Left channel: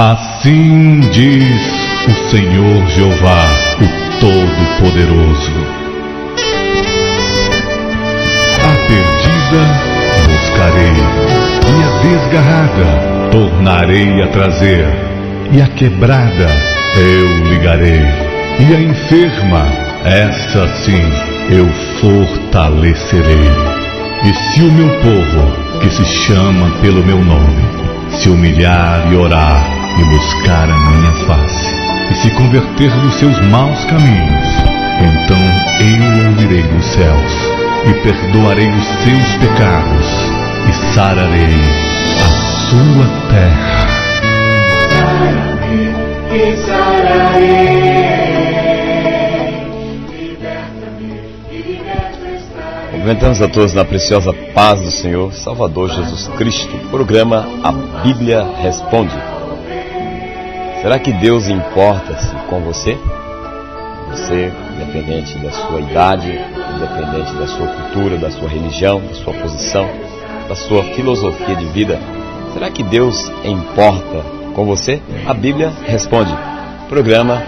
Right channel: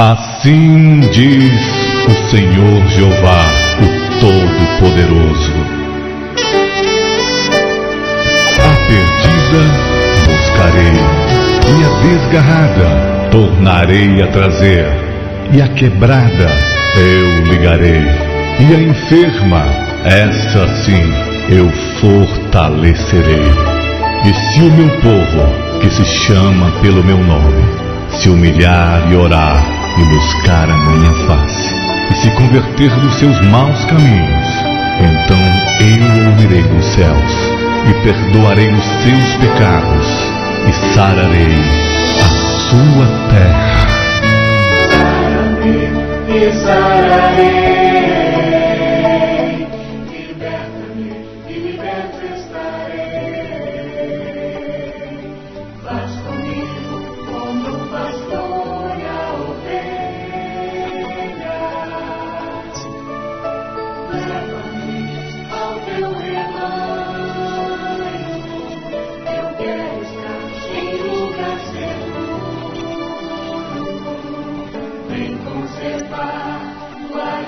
Assim diz o Senhor Jeová, o Todo-Poderoso: a perdida buscarei, e a desgarrada tornarei a trazer, e a quebrada eu ligarei, e a enferma, essa sim, eu fortalecerei. E se o meu povo, que se chama pelo meu nome, se humilhar e orar, e buscar a minha face, e se converter dos seus maus caminhos, então eu ouvirei dos céus, e perdoarei os seus pecados, e sararei a sua terra. Cumprimentamos a todos na preciosa paz do Senhor Salvador Jesus Cristo. Programa A Bíblia Responde. Será que Deus importa-se com você? Você, independente da sua idade, independente da sua cultura, da sua religião, da sua posição, da sua filosofia de vida, será que Deus importa com você? A Bíblia Responde. Programa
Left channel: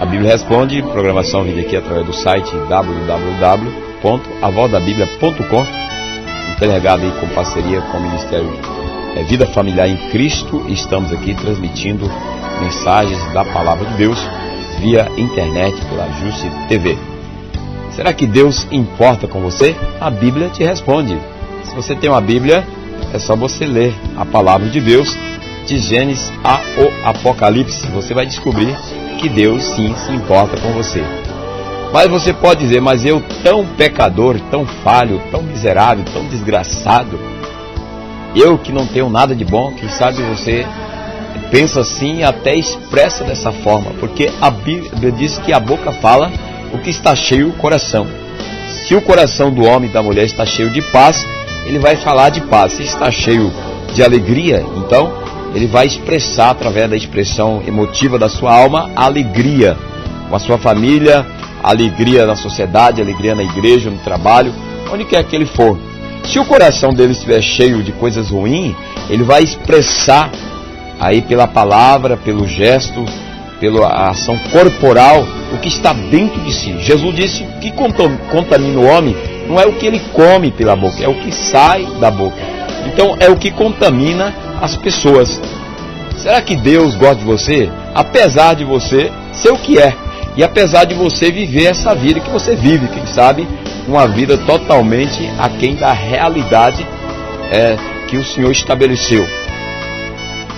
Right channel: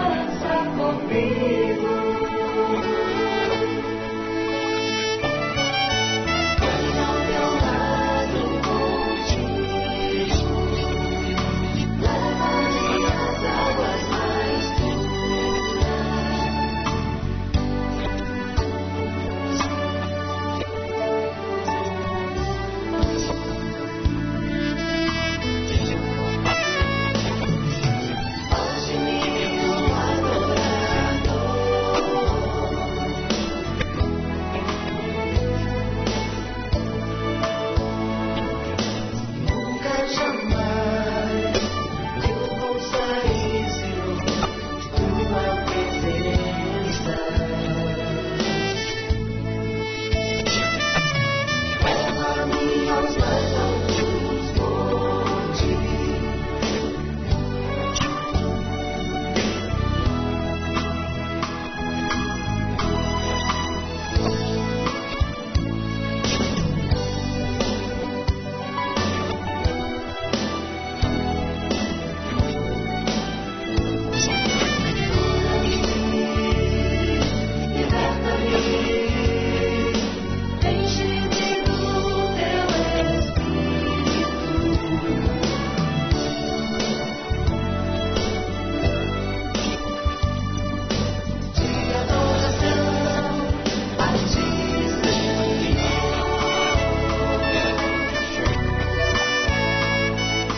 A Bíblia Responde, programação vinda aqui através do site www.avozdabiblia.com, interligado aí com parceria com o Ministério Vida Familiar em Cristo. Estamos aqui transmitindo mensagens da Palavra de Deus via internet, pela Juste TV. Será que Deus importa com você? A Bíblia te responde. Se você tem uma Bíblia, é só você ler a Palavra de Deus, de Gênesis ao Apocalipse. Você vai descobrir que Deus sim se importa com você. Mas você pode dizer: mas eu tão pecador, tão falho, tão miserável, tão desgraçado, eu que não tenho nada de bom. Quem sabe você pensa assim e até expressa dessa forma, porque a Bíblia diz que a boca fala o que está cheio o coração. Se o coração do homem e da mulher está cheio de paz, ele vai falar de paz. Se está cheio de alegria, então ele vai expressar, através da expressão emotiva da sua alma, a alegria com a sua família, a alegria na sociedade, a alegria na igreja, no trabalho, onde quer que ele for. Se o coração dele estiver cheio de coisas ruins, ele vai expressar aí pela palavra, pelo gesto, pela ação corporal, o que está dentro de si. Jesus disse que contamina o homem não é o que ele come pela boca, é o que sai da boca. Então é o que contamina as pessoas. Será que Deus gosta de você? Apesar de você ser o que é, e apesar de você viver essa vida que você vive, quem sabe uma vida totalmente aquém da realidade que o Senhor estabeleceu.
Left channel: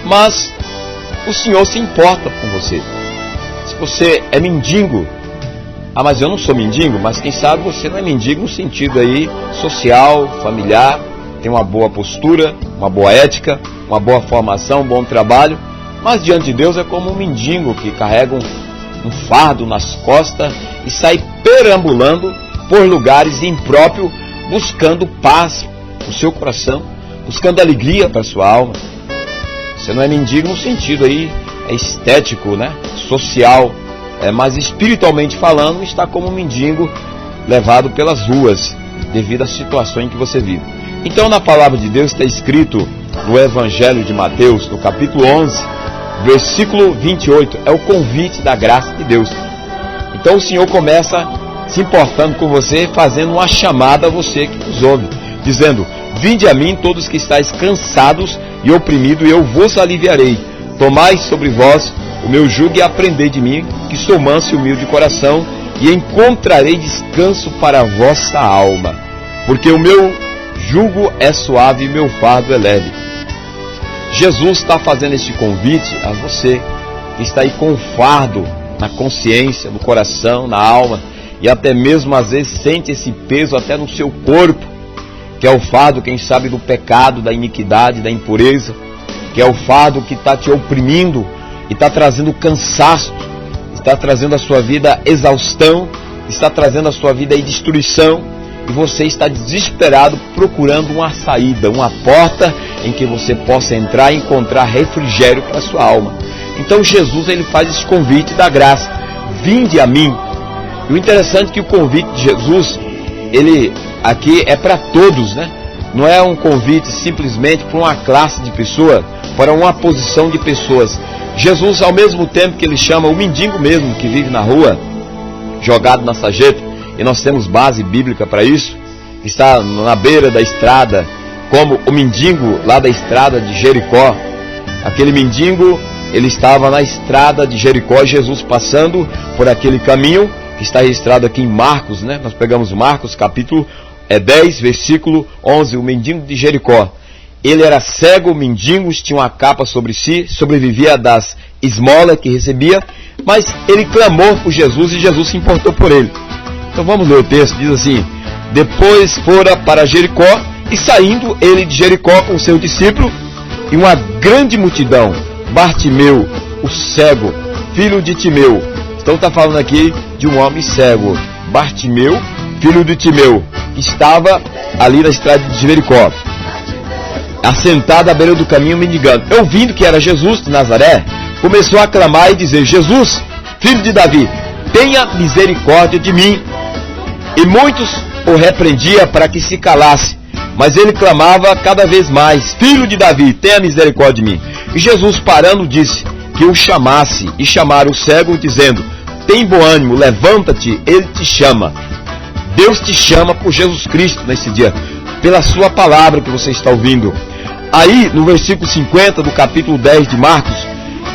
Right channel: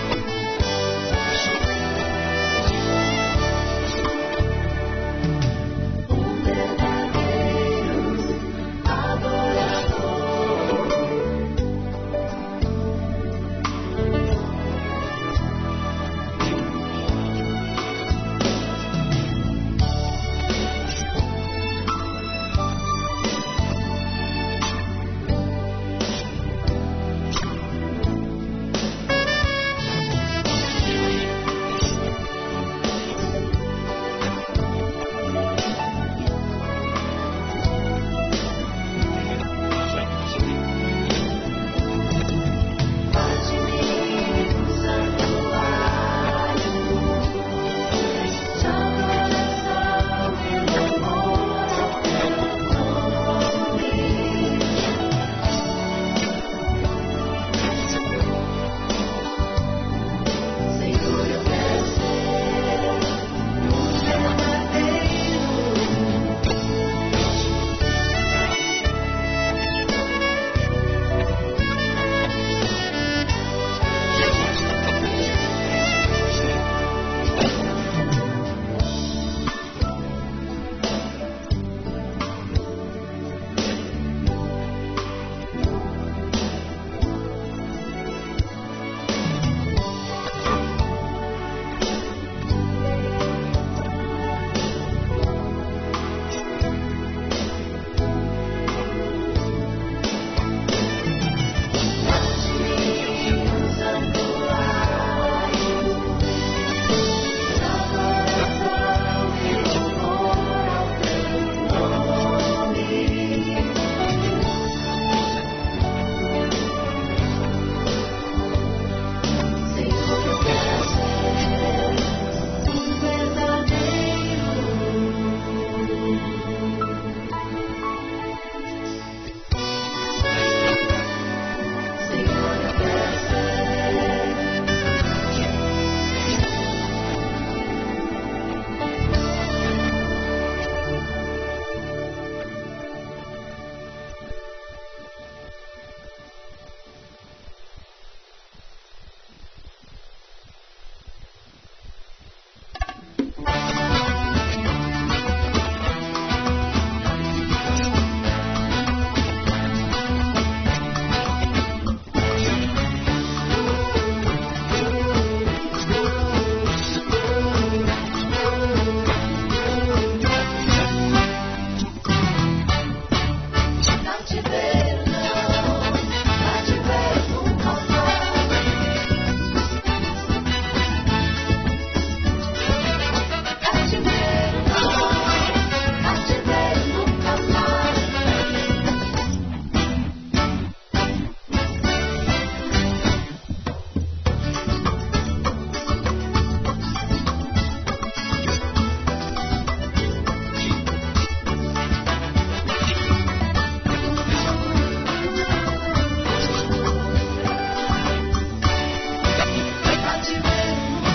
Mas o Senhor se importa com você. Se você é mendigo, mas eu não sou mendigo, mas quem sabe você não é mendigo no sentido aí social, familiar, tem uma boa postura, uma boa ética, uma boa formação, um bom trabalho, mas diante de Deus é como um mendigo que carrega um fardo nas costas e sai perambulando por lugares impróprios, buscando paz no seu coração, buscando alegria para a sua alma. Você não é mendigo no sentido aí estético, né? Social, mas espiritualmente falando, está como um mendigo levado pelas ruas devido à situação em que você vive. Então, na palavra de Deus está escrito no Evangelho de Mateus, no capítulo 11, versículo 28, é o convite da graça de Deus. Então o Senhor começa se importando com você, fazendo uma chamada a você que nos ouve, dizendo: vinde a mim todos que estáis cansados e oprimidos, e eu vos aliviarei. Tomai sobre vós o meu jugo e aprendei de mim, que sou manso e humilde de coração, e encontrarei descanso para a vossa alma, porque o meu jugo é suave e meu fardo é leve. Jesus está fazendo esse convite a você que está aí com fardo na consciência, no coração, na alma, e até mesmo às vezes sente esse peso até no seu corpo, que é o fardo, quem sabe, do pecado, da iniquidade, da impureza, que é o fardo que está te oprimindo e está trazendo cansaço, está trazendo à sua vida exaustão, está trazendo à sua vida aí destruição, e você está desesperado procurando uma saída, uma porta em que você possa entrar e encontrar refrigério para a sua alma. Então Jesus, ele faz esse convite da graça: vinde a mim. E o interessante é que o convite de Jesus, ele aqui é para todos, né? Não é um convite simplesmente para uma classe de pessoas, para uma posição de pessoas. Jesus, ao mesmo tempo que ele chama o mendigo mesmo, que vive na rua, jogado na sarjeta, e nós temos base bíblica para isso, está na beira da estrada, como o mendigo lá da estrada de Jericó. Aquele mendigo, ele estava na estrada de Jericó, Jesus passando por aquele caminho, que está registrado aqui em Marcos, né? Nós pegamos Marcos, capítulo 10, versículo 11, o mendigo de Jericó. Ele era cego, mendigo, tinha uma capa sobre si, sobrevivia das esmolas que recebia, mas ele clamou por Jesus e Jesus se importou por ele. Então vamos ler o texto, diz assim: depois fora para Jericó, e saindo ele de Jericó com seu discípulo, e uma grande multidão, Bartimeu, o cego, filho de Timeu. Então está falando aqui de um homem cego, Bartimeu, filho de Timeu, que estava ali na estrada de Jericó, assentado à beira do caminho mendigando. Ouvindo que era Jesus de Nazaré, começou a clamar e dizer: Jesus, filho de Davi, tenha misericórdia de mim. E muitos o repreendiam para que se calasse, mas ele clamava cada vez mais: Filho de Davi, tenha misericórdia de mim. E Jesus, parando, disse que o chamasse, e chamaram o cego, dizendo: tem bom ânimo, levanta-te, ele te chama. Deus te chama por Jesus Cristo nesse dia, pela sua palavra que você está ouvindo. Aí, no versículo 50 do capítulo 10 de Marcos,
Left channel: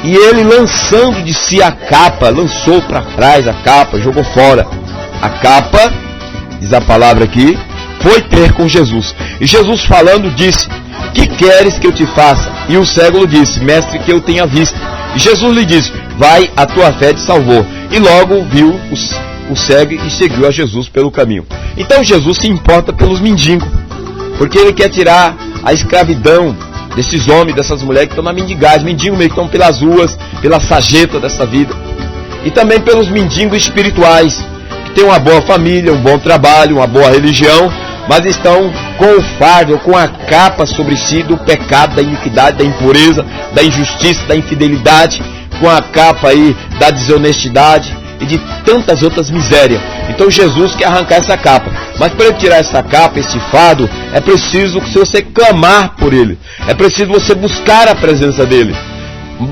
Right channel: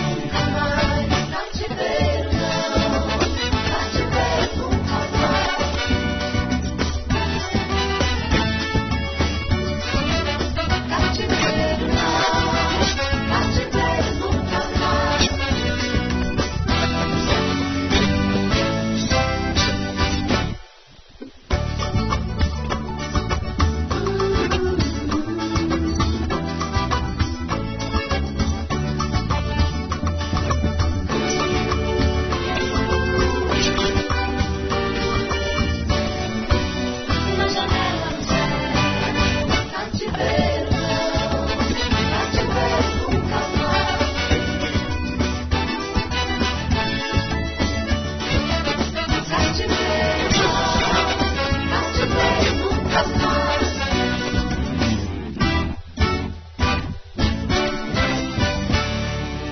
e ele, lançando de si a capa, lançou para trás a capa, jogou fora a capa, diz a palavra aqui, foi ter com Jesus. E Jesus, falando, disse: que queres que eu te faça? E o cego lhe disse: mestre, que eu tenha vista. E Jesus lhe disse: vai, a tua fé te salvou. E logo viu o cego e seguiu a Jesus pelo caminho. Então Jesus se importa pelos mendigos, porque ele quer tirar a escravidão desses homens, dessas mulheres que estão na mendigagem, mendigos meio que estão pelas ruas, pela sarjeta dessa vida. E também pelos mendigos espirituais, que têm uma boa família, um bom trabalho, uma boa religião, mas estão com o fardo, com a capa sobre si do pecado, da iniquidade, da impureza, da injustiça, da infidelidade, com a capa aí da desonestidade e de tantas outras misérias. Então Jesus quer arrancar essa capa, mas para ele tirar essa capa, esse fardo, é preciso que você clamar por ele, é preciso você buscar a presença dele.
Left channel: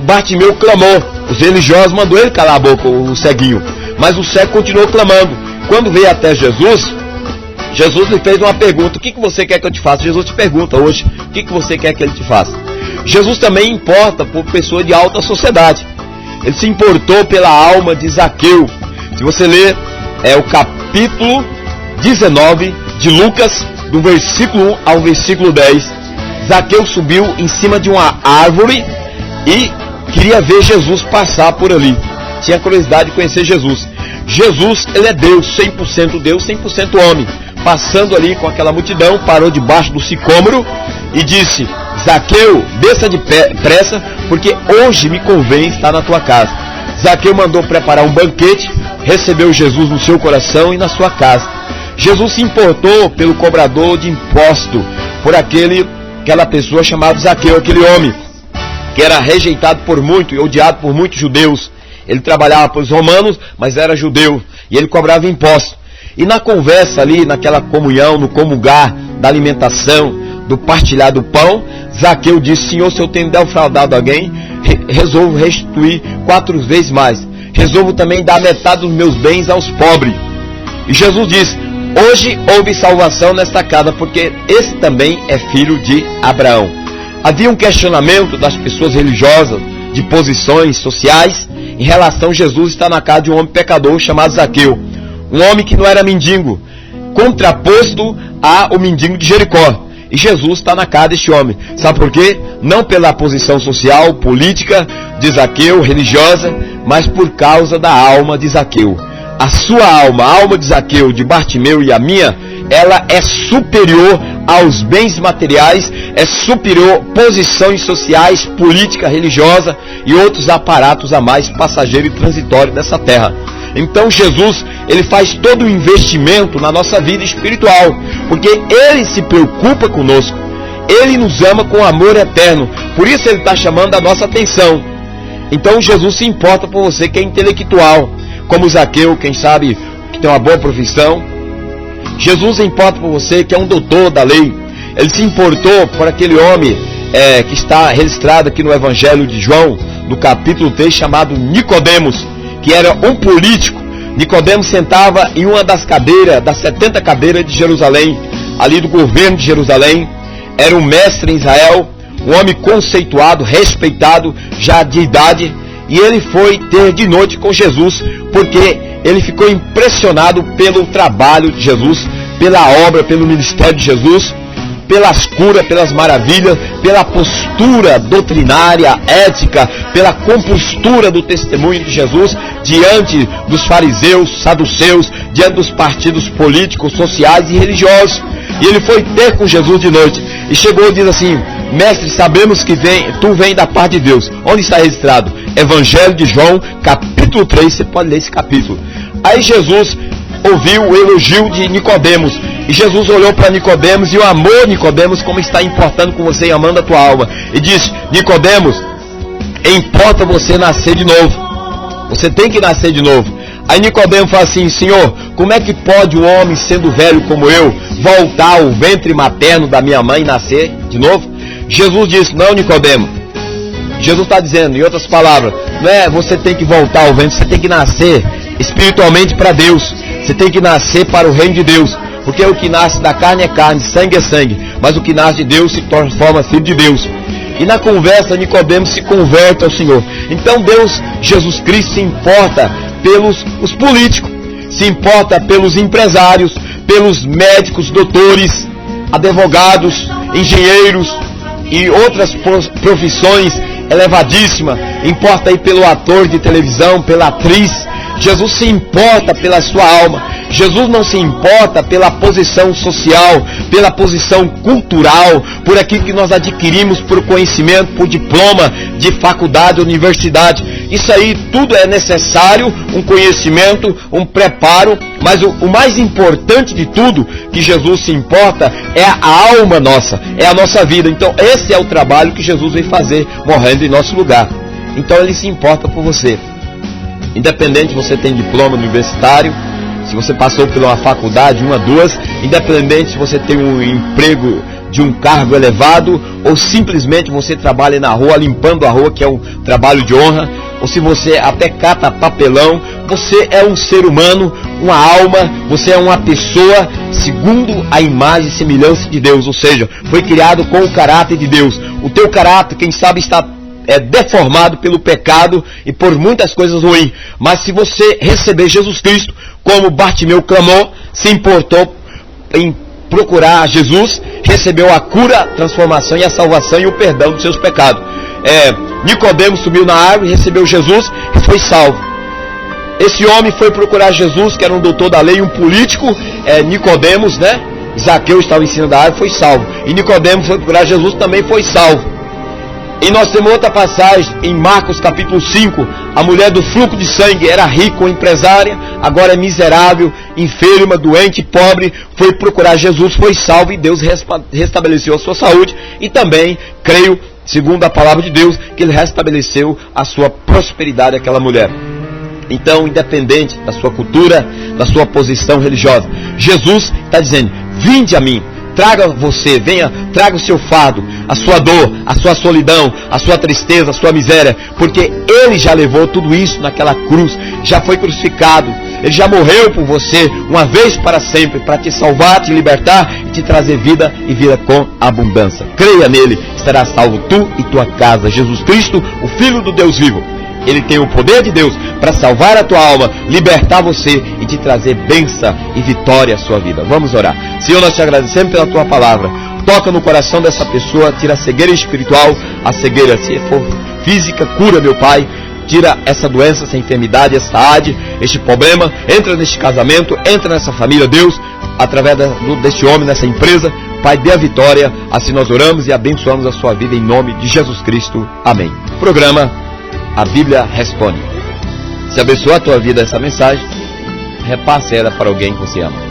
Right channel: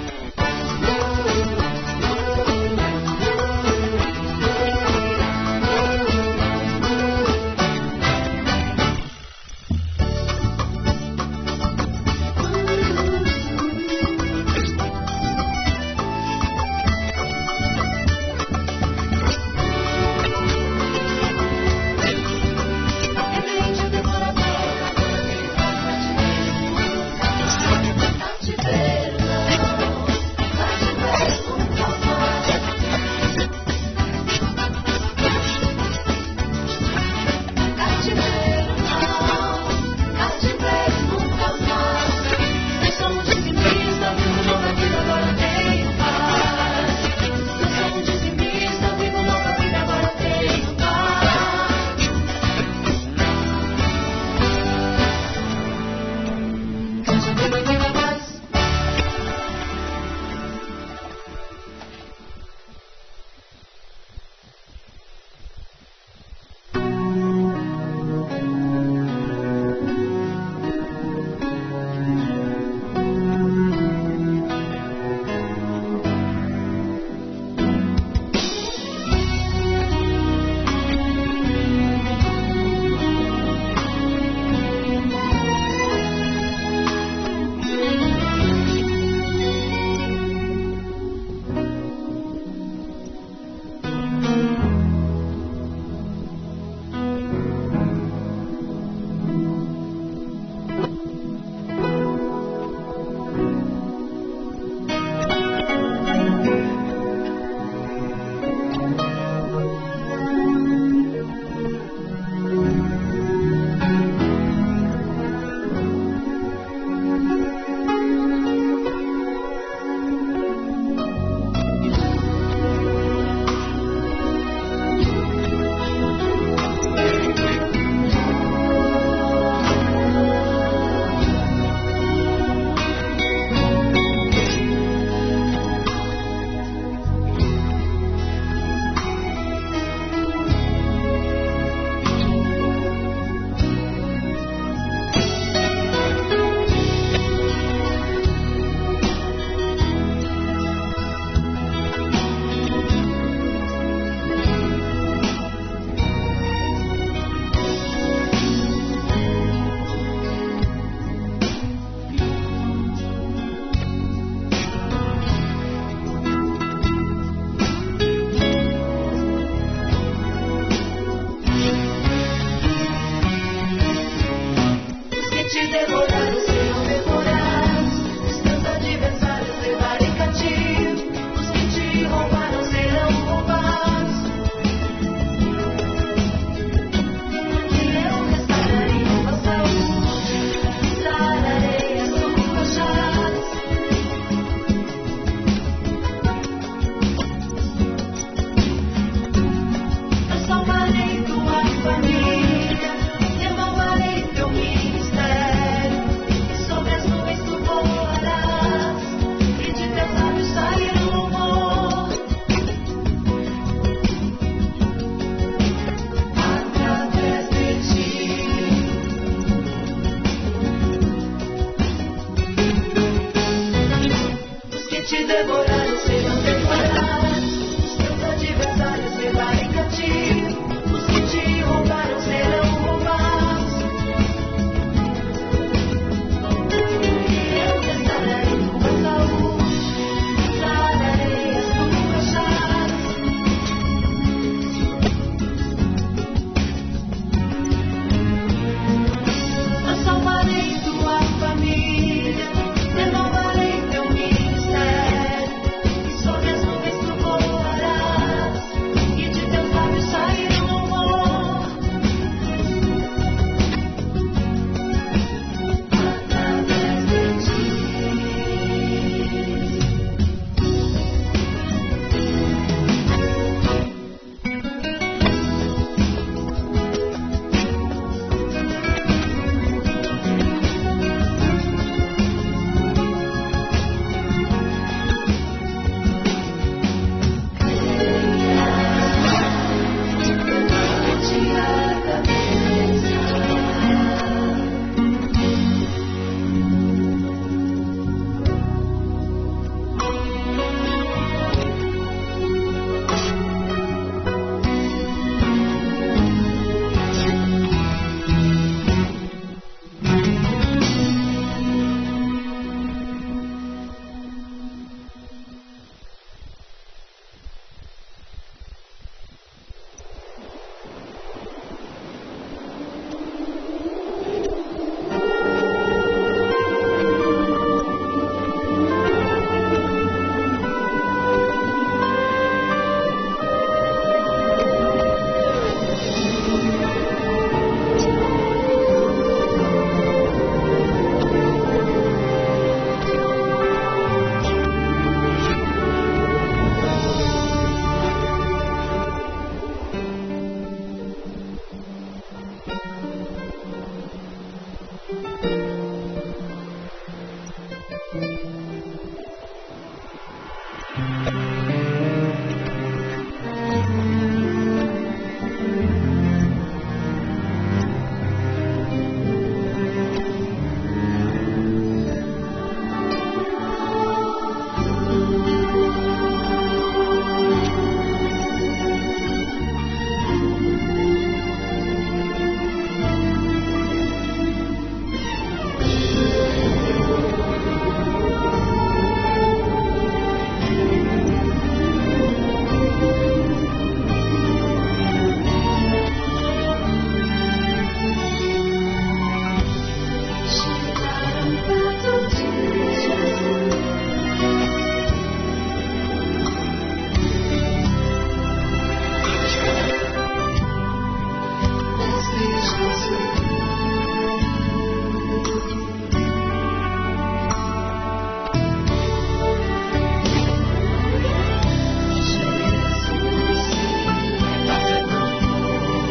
Bartimeu clamou, os religiosos mandou ele calar a boca, o ceguinho, mas o cego continuou clamando. Quando veio até Jesus, Jesus lhe fez uma pergunta: o que você quer que eu te faça? Jesus te pergunta hoje: o que você quer que ele te faça? Jesus também importa por pessoa de alta sociedade. Ele se importou pela alma de Zaqueu. Se você ler o capítulo 19 de Lucas, do versículo 1 ao versículo 10, Zaqueu subiu em cima de uma árvore e queria ver Jesus passar por ali. Tinha curiosidade de conhecer Jesus. Jesus, ele é Deus, 100% homem. Passando ali com aquela multidão, parou debaixo do sicômoro e disse: Zaqueu, desça depressa, porque hoje me convém estar na tua casa. Zaqueu mandou preparar um banquete, recebeu Jesus no seu coração e na sua casa. Jesus se importou pelo cobrador de imposto, por aquela pessoa chamada Zaqueu, aquele homem que era rejeitado por muito e odiado por muitos judeus. Ele trabalhava para os romanos, mas era judeu, e ele cobrava imposto. E na conversa ali, naquela comunhão, no comungar da alimentação, do partilhar do pão, Zaqueu disse: Senhor, se eu tenho defraudado alguém, resolvo restituir 4 vezes mais. Resolvo também dar metade dos meus bens aos pobres. E Jesus disse: hoje houve salvação nesta casa, porque esse também é filho de Abraão. Havia um questionamento das pessoas religiosas, de posições sociais, em relação a Jesus estar na casa de um homem pecador chamado Zaqueu. Um homem que não era mendigo, contraposto ao mendigo de Jericó. E Jesus está na casa deste homem. Sabe por quê? Não pela posição social, política de Zaqueu, religiosa, mas por causa da alma de Zaqueu. A sua alma, a alma de Zaqueu, de Bartimeu e a minha, ela é superior aos bens materiais, é superior a posições sociais, política, religiosa e outros aparatos a mais passageiros e transitórios dessa terra. Então Jesus, ele faz todo o investimento na nossa vida espiritual, porque ele se preocupa conosco, ele nos ama com amor eterno, por isso ele está chamando a nossa atenção. Então Jesus se importa por você que é intelectual, como Zaqueu, quem sabe que tem uma boa profissão. Jesus se importa por você que é um doutor da lei. Ele se importou por aquele homem que está registrado aqui no Evangelho de João, do capítulo 3, chamado Nicodemos, que era um político. Nicodemos sentava em uma das cadeiras, das 70 cadeiras de Jerusalém, ali do governo de Jerusalém. Era um mestre em Israel, um homem conceituado, respeitado, já de idade. E ele foi ter de noite com Jesus, porque ele ficou impressionado pelo trabalho de Jesus, pela obra, pelo ministério de Jesus, pelas curas, pelas maravilhas, pela postura doutrinária, ética, pela compostura do testemunho de Jesus diante dos fariseus, saduceus, diante dos partidos políticos, sociais e religiosos. E ele foi ter com Jesus de noite e chegou e diz assim: mestre, sabemos que tu vem da parte de Deus. Onde está registrado? Evangelho de João, capítulo 3, você pode ler esse capítulo. Aí Jesus ouviu o elogio de Nicodemos, e Jesus olhou para Nicodemos e o amor Nicodemos, como está importando com você e amando a tua alma, e disse: Nicodemos, importa você nascer de novo, você tem que nascer de novo. Aí Nicodemos fala assim: Senhor, como é que pode um homem sendo velho como eu voltar ao ventre materno da minha mãe e nascer de novo? Jesus disse: não, Nicodemos, Jesus está dizendo, em outras palavras, não é você tem que voltar ao ventre, você tem que nascer espiritualmente para Deus, você tem que nascer para o reino de Deus, porque o que nasce da carne é carne, sangue é sangue, mas o que nasce de Deus se transforma filho de Deus. E na conversa Nicodemos se converte ao Senhor. Então Deus, Jesus Cristo, se importa pelos os políticos, se importa pelos empresários, pelos médicos, doutores, advogados, engenheiros e outras profissões elevadíssimas. Importa aí pelo ator de televisão, pela atriz. Jesus se importa pela sua alma. Jesus não se importa pela posição social, pela posição cultural, por aquilo que nós adquirimos por conhecimento, por diploma de faculdade, universidade. Isso aí tudo é necessário, um conhecimento, um preparo, mas o mais importante de tudo que Jesus se importa é a alma nossa, é a nossa vida. Então esse é o trabalho que Jesus veio fazer, morrendo em nosso lugar. Então ele se importa por você. Independente se você tem diploma universitário, se você passou por uma faculdade, uma, duas, independente se você tem um emprego de um cargo elevado, ou simplesmente você trabalha na rua, limpando a rua, que é um trabalho de honra, ou se você até cata papelão, você é um ser humano, uma alma, você é uma pessoa segundo a imagem e semelhança de Deus, ou seja, foi criado com o caráter de Deus. O teu caráter, quem sabe, está deformado pelo pecado e por muitas coisas ruins, mas se você receber Jesus Cristo, como Bartimeu clamou, se importou em procurar Jesus, recebeu a cura, a transformação e a salvação e o perdão dos seus pecados. Nicodemos subiu na árvore, recebeu Jesus e foi salvo. Esse homem foi procurar Jesus, que era um doutor da lei, um político. Nicodemos, né? Zaqueu estava em cima da árvore, foi salvo. E Nicodemos foi procurar Jesus, também foi salvo. E nós temos outra passagem em Marcos capítulo 5, a mulher do fluxo de sangue era rica, empresária, agora é miserável, enferma, doente, pobre, foi procurar Jesus, foi salvo e Deus restabeleceu a sua saúde. E também, creio, segundo a palavra de Deus, que Ele restabeleceu a sua prosperidade àquela mulher. Então, independente da sua cultura, da sua posição religiosa, Jesus está dizendo: vinde a mim. Traga você, venha, traga o seu fardo, a sua dor, a sua solidão, a sua tristeza, a sua miséria, porque Ele já levou tudo isso naquela cruz, já foi crucificado, Ele já morreu por você, uma vez para sempre, para te salvar, te libertar e te trazer vida e vida com abundância. Creia nele, será salvo tu e tua casa. Jesus Cristo, o Filho do Deus vivo, Ele tem o poder de Deus para salvar a tua alma, libertar você e te trazer bênção e vitória à sua vida. Vamos orar. Senhor, nós te agradecemos pela tua palavra. Toca no coração dessa pessoa, tira a cegueira espiritual, a cegueira, se for física, cura, meu Pai. Tira essa doença, essa enfermidade, essa ade, este problema. Entra neste casamento, entra nessa família, Deus, através deste homem, nessa empresa. Pai, dê a vitória. Assim nós oramos e abençoamos a sua vida em nome de Jesus Cristo. Amém. Programa A Bíblia Responde. Se abençoar a tua vida essa mensagem, repasse ela para alguém que você ama.